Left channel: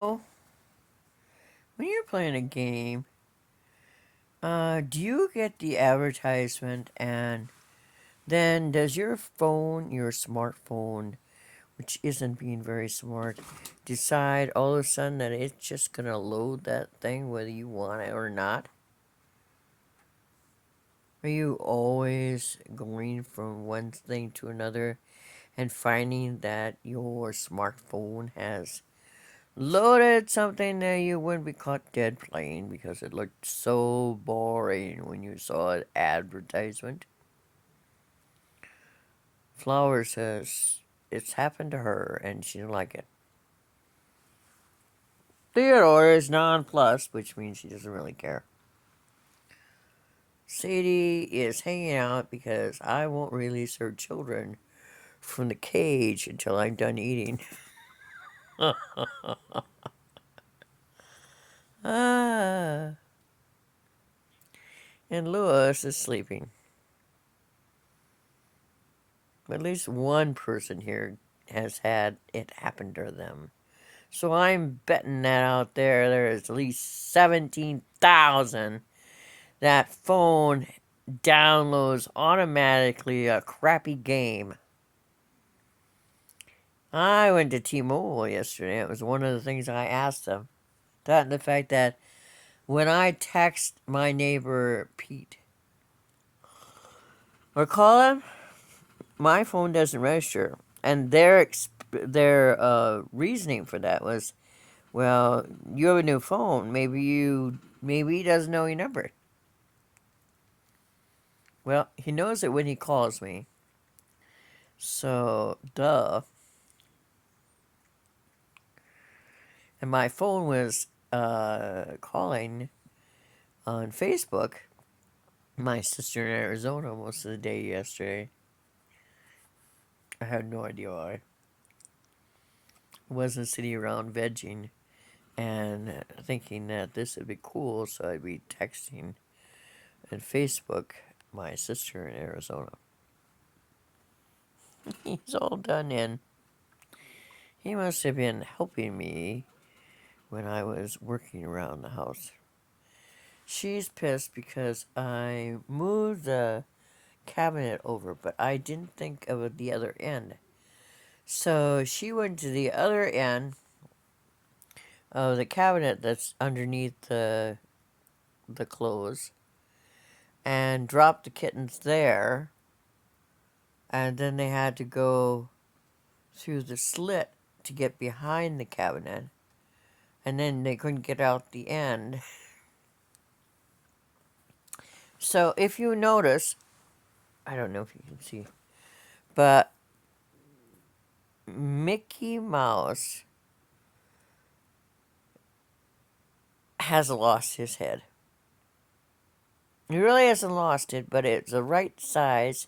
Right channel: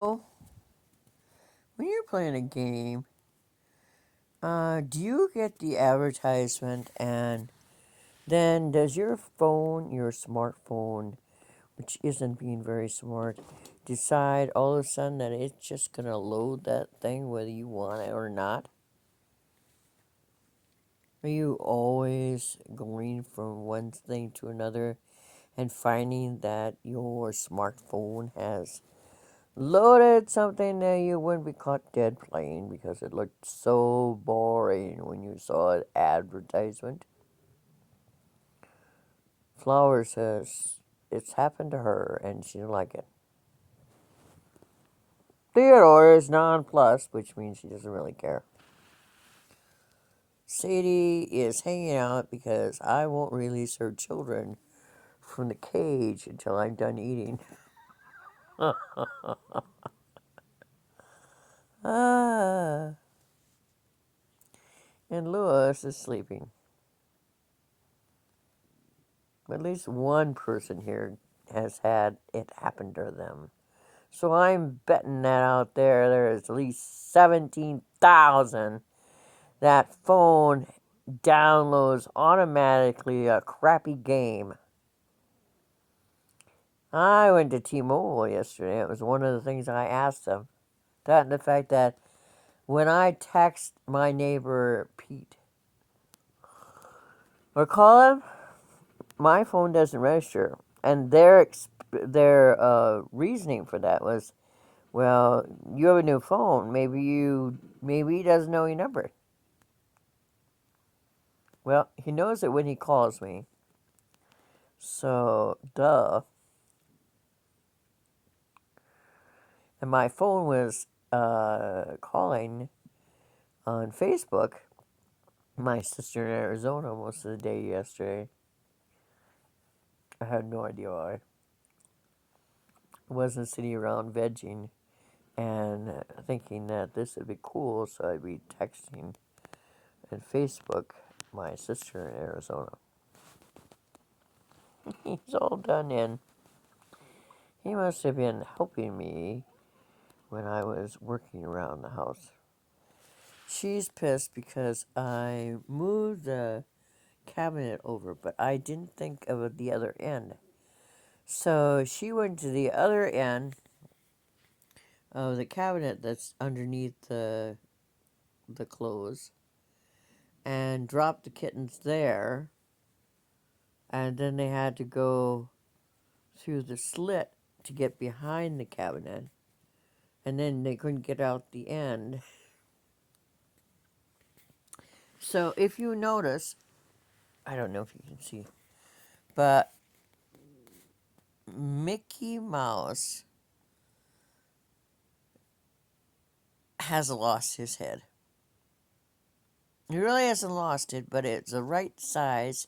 When you're playing a game, do you get the advertisement and then does your phone, your smartphone, which isn't being very smart, decide all of a sudden that it's just going to load that thing whether you want it or not? Are you always going from one thing to another and finding that your smartphone has loaded something that you wouldn't be caught dead playing because it looked so boring when you saw an advertisement? Flower says it's happened to her and she didn't like it. Theodore is nonplussed, which means she doesn't really care. Sadie is hanging out because I won't release her children from the cage until I'm done eating. Ah, and Lewis is sleeping. At least one person here has had it happen to them. So I'm betting that out there is at least 17,000 that phone downloads automatically a crappy game. I went to T-Mobile yesterday. It was one of the things I asked them. That and the fact that when I text my neighbor Pete or call him, my phone doesn't register. And their reasoning for that was, well, you have a new phone. Maybe he doesn't know your number. Well, he knows it when he calls me. So, duh. And my phone was calling on Facebook my sister in Arizona most of the day yesterday. I have no idea why. I wasn't sitting around vegging and thinking that this would be cool, so I'd be texting and Facebook my sister in Arizona. He's all done in. He must have been helping me when I was working around the house. She's pissed because I moved the cabinet over, but I didn't think of the other end. So she went to the other end of the cabinet that's underneath the clothes and dropped the kittens there, and then they had to go through the slit to get behind the cabinet, and then they couldn't get out the end. So if you notice, I don't know if you can see, but Mickey Mouse has lost his head. He really hasn't lost it, but it's the right size,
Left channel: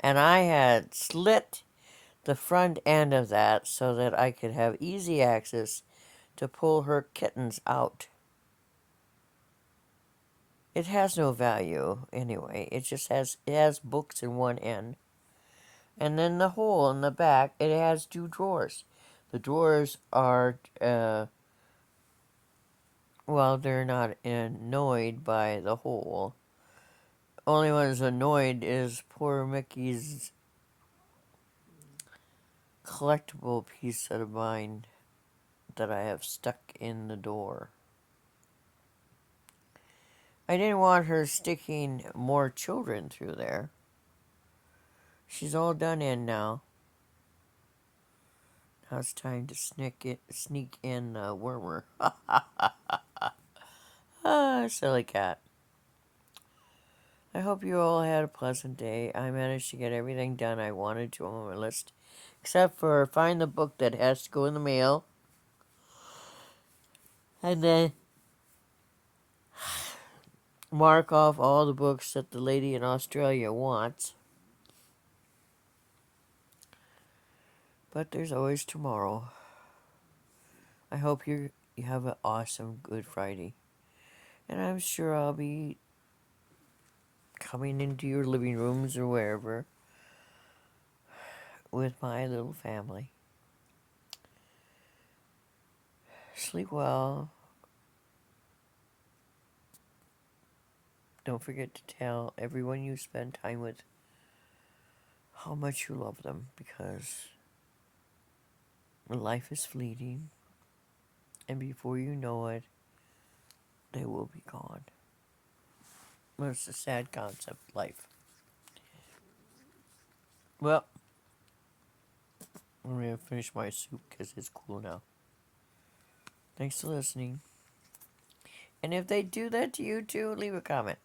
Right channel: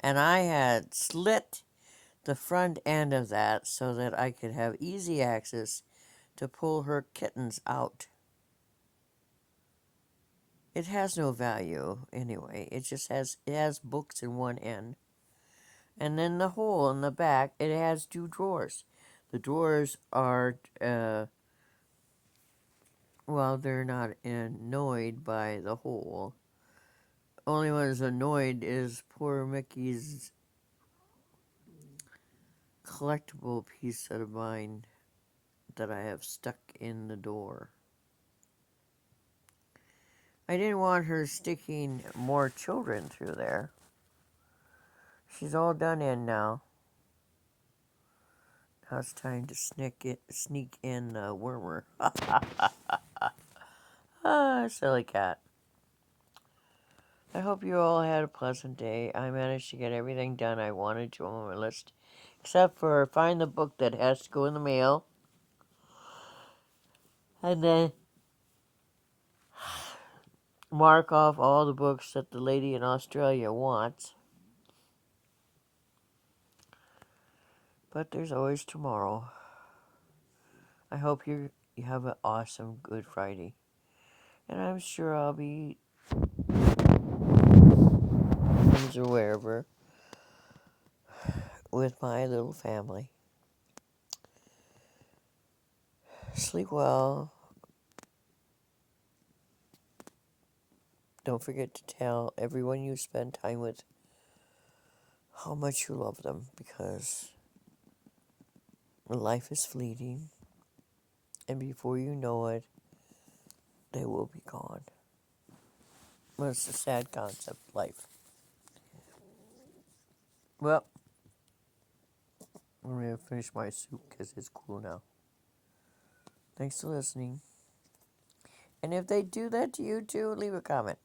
and I had slit the front end of that so that I could have easy access to pull her kittens out. It has no value anyway. It has books in one end, and then the hole in the back. It has two drawers. The drawers are well, they're not annoyed by the hole. Only one who's annoyed is poor Mickey's collectible piece of mine that I have stuck in the door. I didn't want her sticking more children through there. She's all done in now. Now it's time to sneak in Wormer. Ah, silly cat. I hope you all had a pleasant day. I managed to get everything done I wanted to on my list, except for find the book that has to go in the mail, and then mark off all the books that the lady in Australia wants. But there's always tomorrow. I hope you have an awesome Good Friday. And I'm sure I'll be coming into your living rooms or wherever with my little family. Sleep well. Don't forget to tell everyone you spend time with how much you love them, because life is fleeting, and before you know it, they will be gone. Well, it's a sad concept, life. Well, I'm going to finish my soup because it's cool now. Thanks for listening. And if they do that to you too, leave a comment.